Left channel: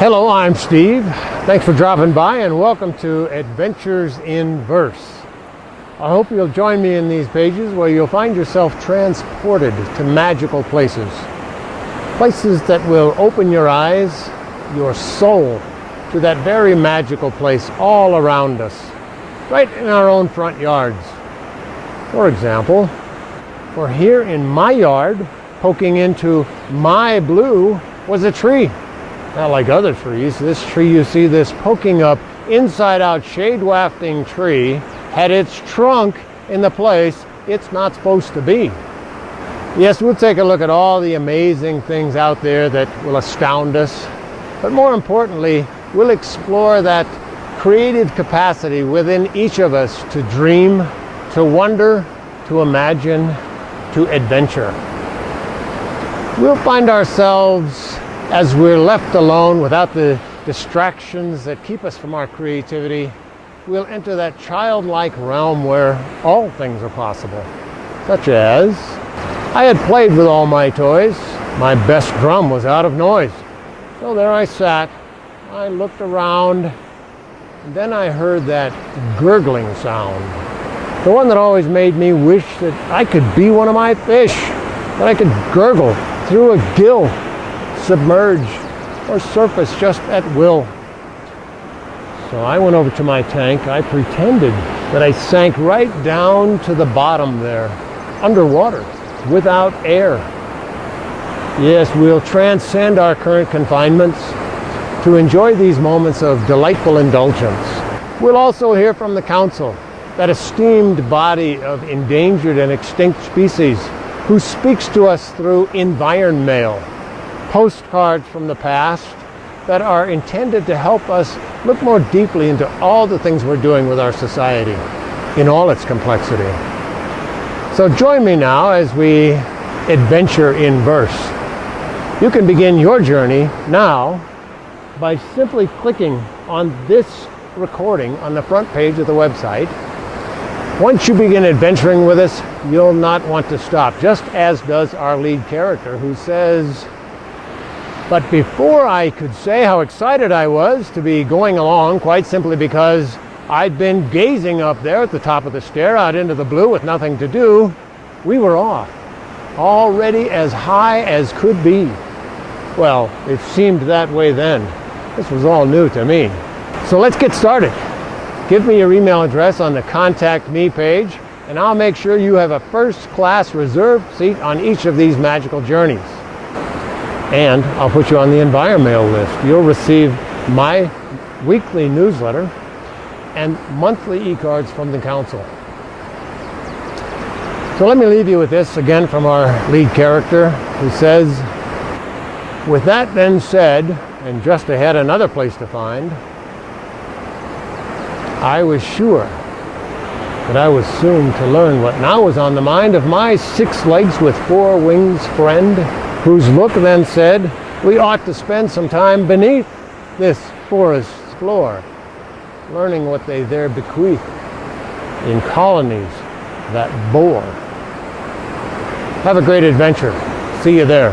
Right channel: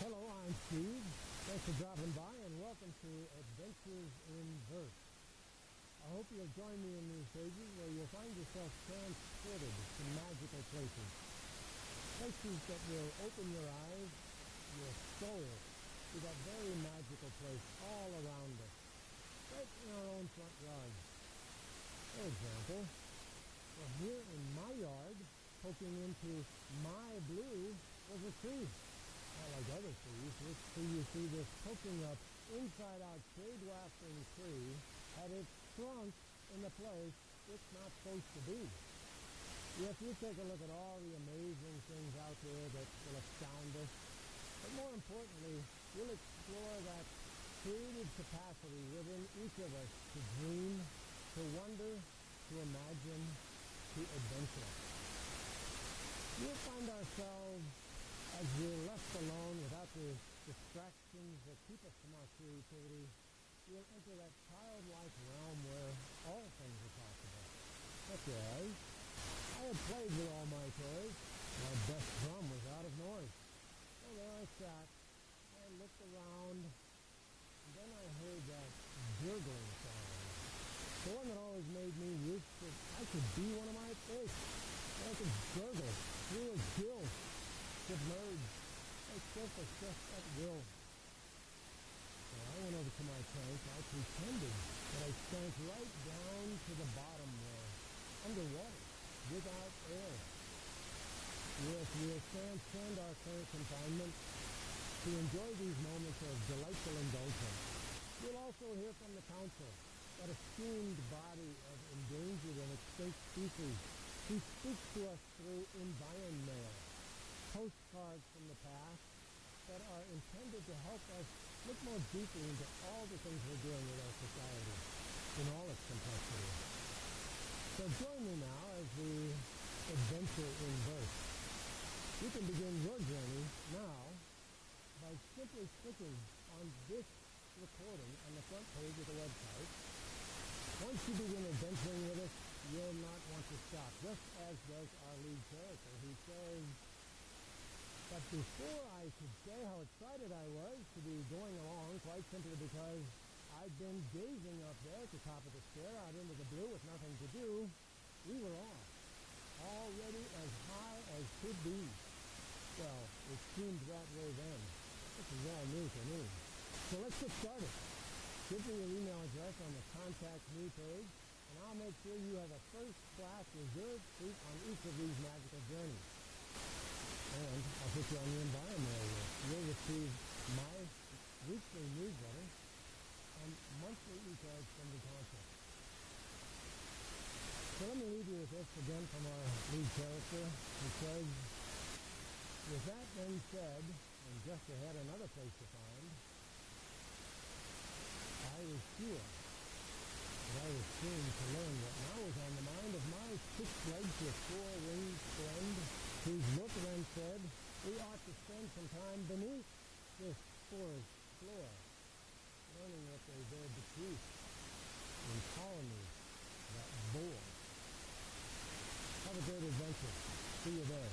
Hello, I'm Steve. Thanks for dropping by and welcome to Adventures in Verse. I hope you'll join me in these pages where you'll find yourself transported to magical places. Places that will open your eyes, your soul, to that very magical place all around us, right in our own front yards. For example, here in my yard, poking into my blue, was a tree. Not like other trees. This tree you see, this poking up, inside-out, shade-wafting tree, had its trunk in the place it's not supposed to be. Yes, we'll take a look at all the amazing things out there that will astound us, but more importantly, we'll explore that creative capacity within each of us to dream, to wonder, to imagine, to adventure. We'll find ourselves, as we're left alone without the distractions that keep us from our creativity, we'll enter that childlike realm where all things are possible. Such as, I had played with all my toys. My best drum was out of noise. So there I sat. I looked around, and then I heard that gurgling sound. The one that always made me wish that I could be one of my fish, that I could gurgle through a gill, submerge, or surface just at will. So I went over to my tank. I pretended that I sank right down to the bottom there, underwater, without air. Yes, we'll transcend our current confinements to enjoy these moments of delightful indulgence. We'll also hear from the Council, that esteemed body of endangered and extinct species, who speaks to us through environ mail, postcards from the past that are intended to help us look more deeply into all the things we're doing with our society in all its complexity. So join me now as we adventure in verse. You can begin your journey now by simply clicking on this recording on the front page of the website. Once you begin adventuring with us, you'll not want to stop, just as does our lead character, who says, "But before I could say how excited I was to be going along, quite simply because I'd been gazing up there at the top of the stair out into the blue with nothing to do, we were off, already as high as could be." Well, it seemed that way then. This was all new to me. So let's get started. Give me your email address on the Contact Me page, and I'll make sure you have a first-class reserved seat on each of these magical journeys. And I'll put you on the Environmail list. You'll receive my weekly newsletter and monthly e-cards from the Council. So let me leave you with this again from our lead character, who says, "With that then said, and just ahead another place to find, I was sure that I was soon to learn what now was on the mind of my 6 legs with 4 wings friend, whose look then said, we ought to spend some time beneath this forest's floor, learning what they there bequeath in colonies that bore." Have a great adventure. See you there.